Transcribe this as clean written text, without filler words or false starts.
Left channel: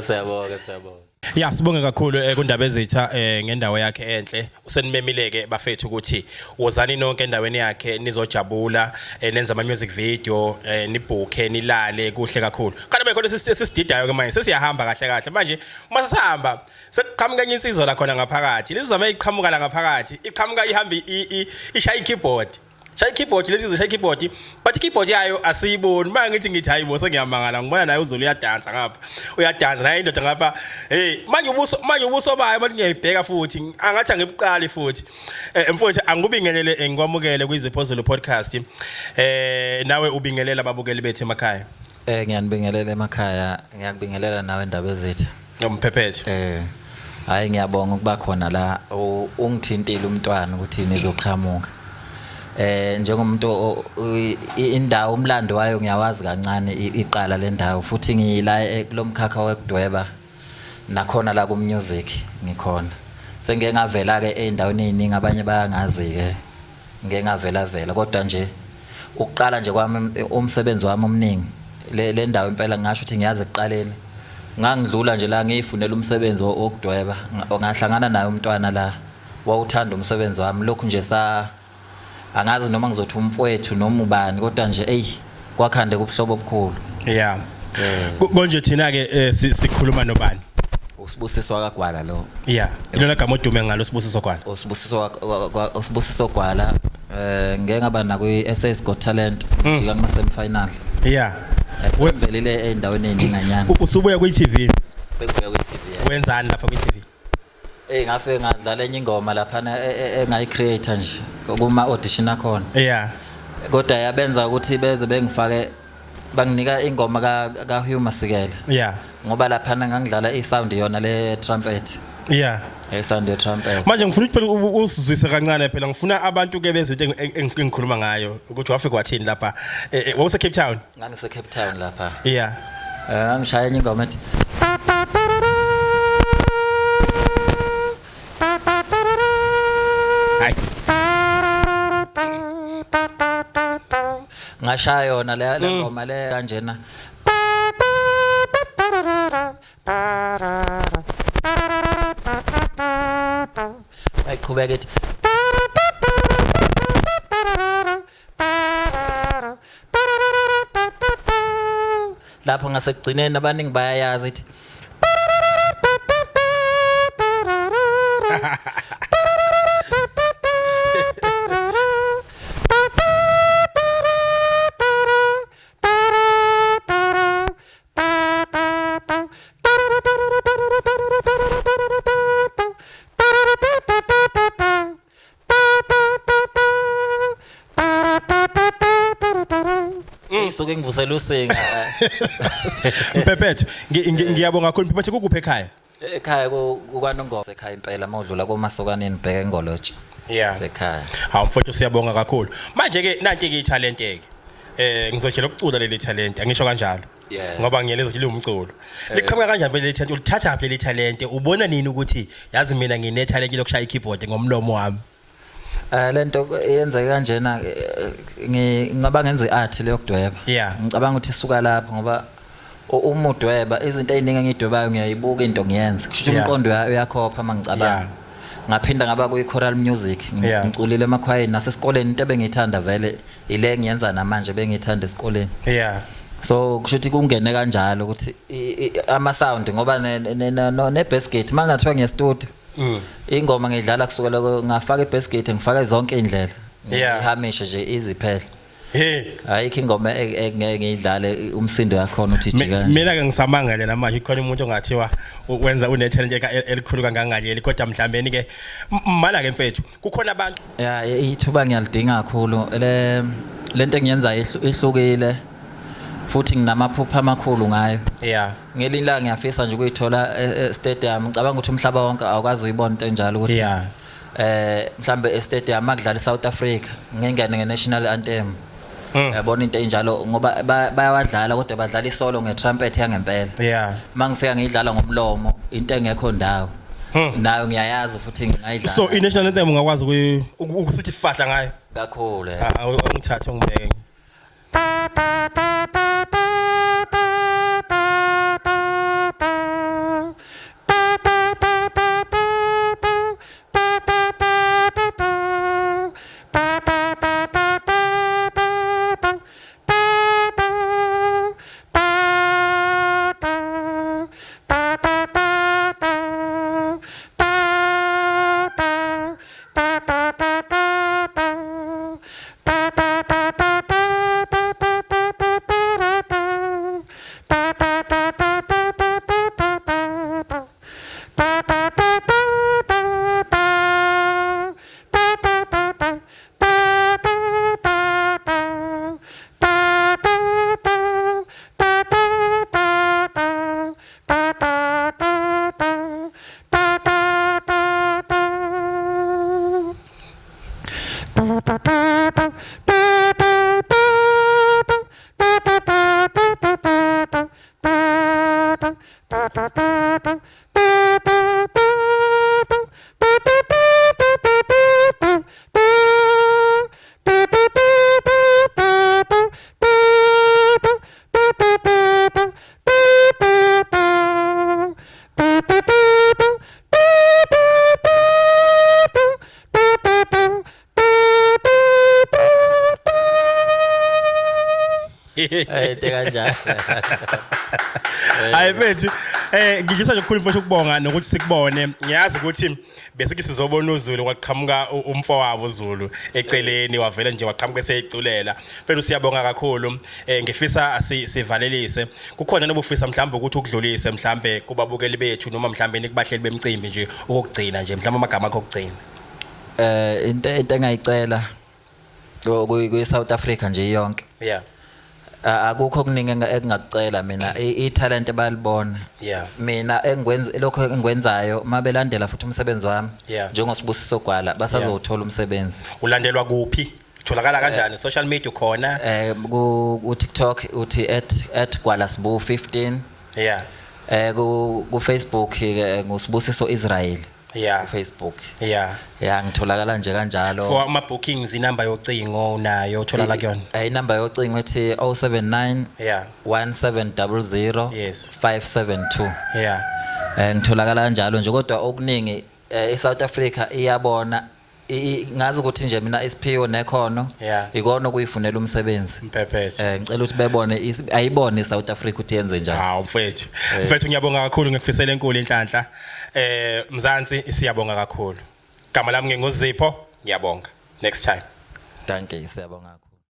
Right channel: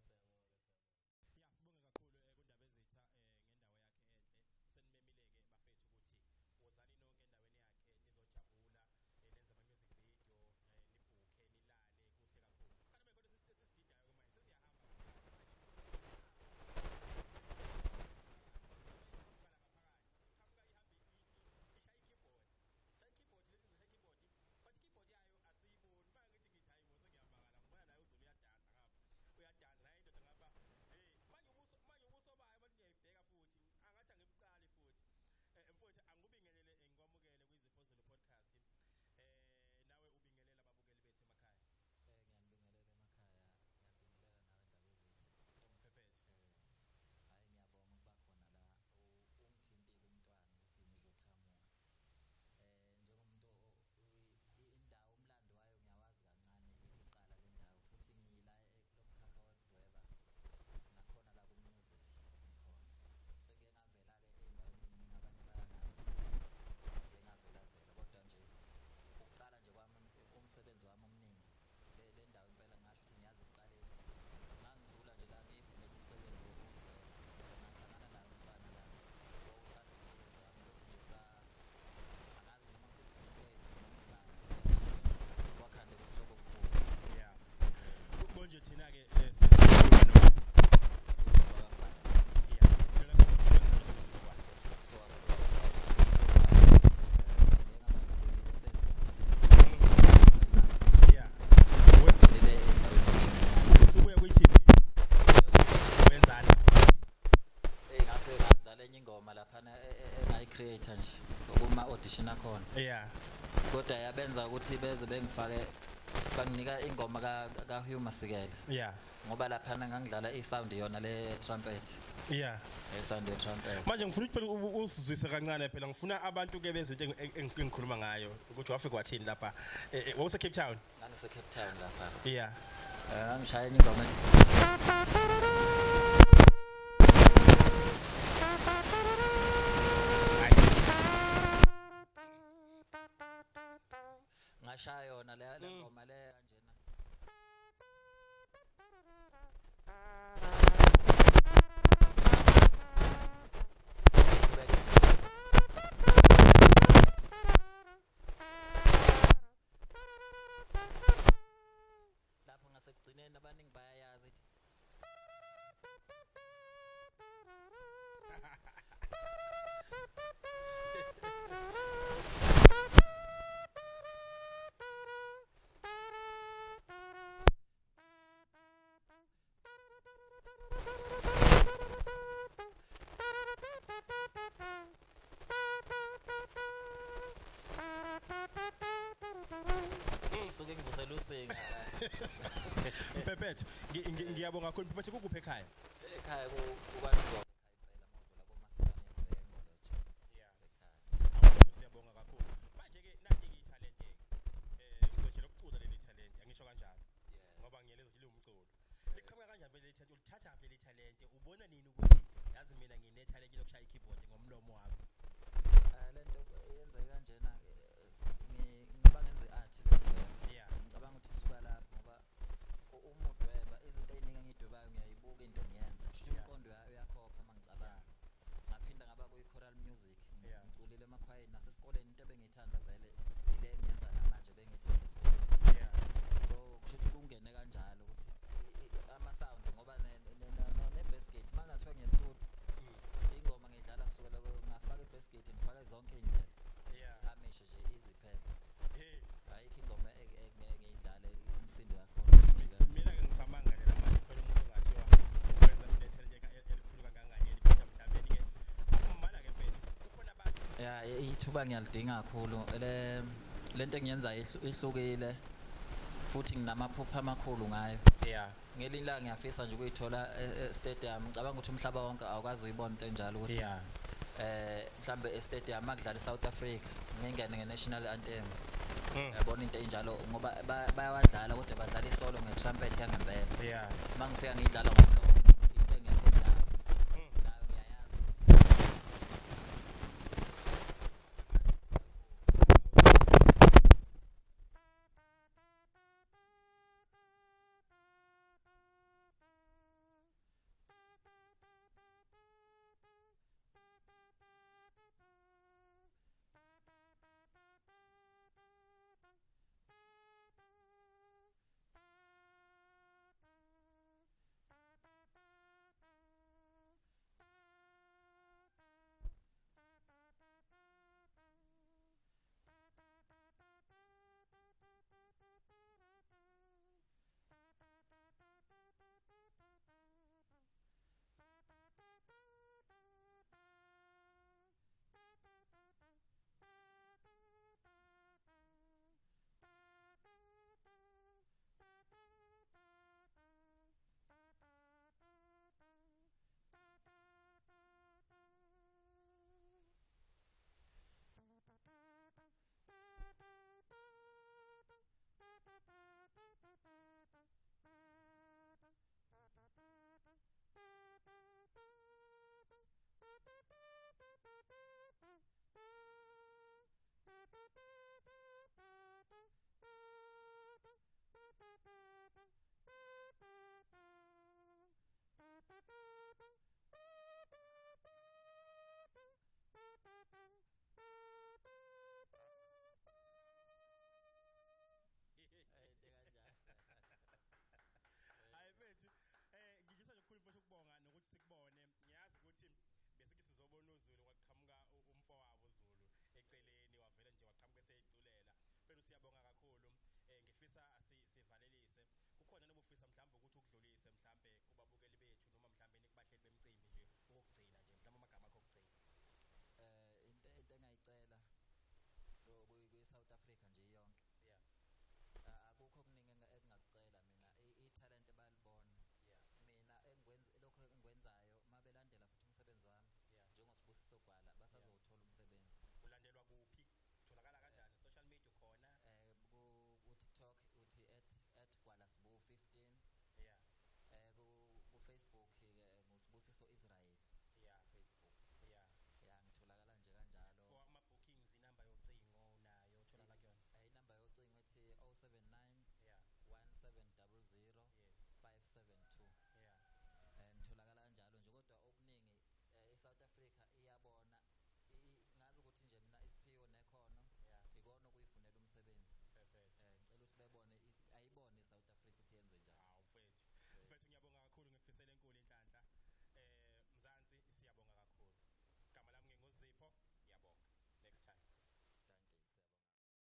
Siyabonga. Ya sibonge kakhulu kundaba ezitha ngendawo yakhe enhle usenimemileke bafethu ukuthi wozani nonke endaweni yakhe nizojabula nenza ama music video nibhuke nilale kuhle kakhulu kanti bekhona sesididayo ke manje sesiyahamba kahle manje uma sihamba sekuqhamuka enye insizwa la khona ngaphakathi lezizwa mayiqhamuka la ngaphakathi iqhamuka ihamba ishaya keyboard shaya keyboard lezi shaya keyboard but keyboard yayo asiyiboni manje ngithi hayibo sengiyamangala ngibona naye uZulu uyadansa ngapha uyadansa naye indoda ngapha manje ubuso bayo manje ngiyayibheka futhi angathi angibuqali futhi mfowethu angikubingelele ngikwamukele kwiZipho podcast nawe ubingelela ababukeli bethu emakhaya ngiyanibingelela emakhaya ngiyakubingelela nawe indaba ezethu ngomphephethu hayi ngiyabonga ukuba khona la ungithintile umntwana ukuthi nizoqhamuka njengomuntu indawo umlando wayo ngiyawazi kancane iqala le ndawo futhi ngiyila kulomkhakha wekudweba nakhona la ku music ngikhona sengeke ngavela ke endaweni eziningi abanye bayangazi ke ngeke ngavela kodwa nje ukuqala nje kwami umsebenzi wami omningi le ndawo impela ngisho ukuthi ngiyazi ekuqaleni ngangidlula nje la ngiyifunela umsebenzi wokudweba ngahlangana naye umntwana la wawuthanda umsebenzi wami lokhu nje angazi noma ngizothi umfowethu noma ubani kodwa nje kwakhande kubuhlobo obukhulu yeah konje thina ke sikhuluma nobani uSibusiso kaGwala lo yeah ilona gama odume ngalo uSibusiso Gwala uSibusiso Gwala ngeke ngaba na ku-SS Got Talent njika kuma semi-final yeah webelile endaweni eninganyana usubuya ku-TV sekubuya ku-TV wenzani lapha ku-TV ngafike ngadlala enye ingoma lapha engayi-creator nje kuma audition akhona yeah kodwa yabenza ukuthi beze bengifake banginika ingoma ka Hugh Masikela yeah ngoba lapha ngangidlala isound yona le trumpet yeah isound ye trumpet manje ngifuna ukuthi phela usizwise kancane phela ngifuna abantu ke bezwe into engikhuluma ngayo ukuthi wafika wathini lapha wawuse Cape Town ngangise Cape Town lapha yeah ngishaya enye ingoma ethi ngashaya yona le ngoma le kanjena ayiqhubeka ethi lapho ngasekugcineni abaningi bayayazi ethi suke ngivusela usinga Mpephethu ngiyabonga kakhulu Mpephethu kukuphi ekhaya kukwaNongoma ekhaya impela mawudlula koMasokaneni bheka eNgolotshe yeah sekhaya hawu mfowethu siyabonga kakhulu manje ke nanti ke italent ngizojela ukucula leli talent angisho kanjalo Yeah. ngoba ngiyeleza ukuthi umculo liqhamuka kanjani phela le talent ulithatha phela le talent ubona nini ukuthi yazi mina ngine talent lokushaya ikeyboard ngomlomo wami lento yenzeka kanjena ngingaba ngenza iart leyokudweba Yeah. ngicabanga ukuthi isuka lapho ngoba uma udweba izinto eziningi engidwebayo ngiyayibuka into ngiyenza kusho Yeah. umqondo uyakhopha mangicabanga Yeah. ngaphinda ngaba kuyi choral music Yeah. ngiculile emakhwayeni nasesikoleni into ebengiyithanda vele ile ngiyenza namanje bengiyithanda esikoleni yeah so kusho ukuthi kungene kanjalo ukuthi ama sound ngoba ne bass gate mangathiwa ngiye studio ingoma ngidlala kusukela ngafaka i bass gate ngifaka zonke indlela Yeah. ngihamisha nje iziphela hey ayikho ingoma engeke ngidlale umsindo yakhona uthi jika mina ke ngisamangale namanje khona umuntu ongathiwa wenza une talent elikhulu kangangaleli kodwa mhlambeni ke mala ke mfethu kukhona abantu ya ithuba ngiyalidinga kakhulu lento engiyenza ihlukile futhi nginamaphupha amakhulu ngayo yeah ngelinye la ngiyafisa nje ukuyithola stadium ngicabanga ukuthi umhlaba wonke awukazi uyibona into enjalo ukuthi yeah mhlambe stadium akudlala South Africa ngengene ngenational anthem yabona into enjalo ngoba bayawadlala kodwa badlala isolo ngetrumpet yangempela yeah mangifika ngidlala ngomlomo into engekho ndawo nayo ngiyayazi futhi ngiyidlala so i-national anthem ungakwazi ukusithi fahla ngayo kakhulu ungithatha ungibeke kanjalo hayi bethu ngijisa nje ukukhulu mfowethu ukubonga nokuthi sikubone ngiyazi ukuthi bese sizobona uZulu kwaqhamuka umfowabo uZulu eceleni wavela nje waqhamuka eseyiculela mfethu siyabonga kakhulu ngifisa sivalelise kukhona nobufisa mhlawumbe ukuthi ukudlulise mhlawumbe kubabukeli bethu noma mhlawumbe nikubahleli bemcimbi nje ukugcina nje mhlawumbe amagama akho okugcina into engayicela ku South Africa nje yonke yeah akukho kuningi engakucela mina italent bayalibona yeah mina engikwenza lokho engikwenzayo mabelandela futhi umsebenzi wami njengosibusiso gwala basazothola umsebenzi ulandelwa kuphi utholakala kanjani social media khona ku TikTok uthi @gwalasbu15 yeah ku Facebook ngusibusiso Israel yeah Facebook yeah ngitholakala nje kanjalo for ama bookings inamba yocingo nayo utholakala kuyona inamba yocingo ethi 079 yeah 1700 yes 572 yeah ngitholakala kanjalo nje kodwa okuningi eSouth Africa iyabona ngazi ukuthi nje mina isiphiwo nekhono ikona kuyifunela umsebenzi mpephethe ngicela ukuthi bebone ayibone iSouth Africa ukuthi yenze njani hawo mfethu ngiyabonga kakhulu ngikufisela enkulu inhlanhla Mzansi siyabonga kakhulu gama lami nginguzipho ngiyabonga next time thank you siyabonga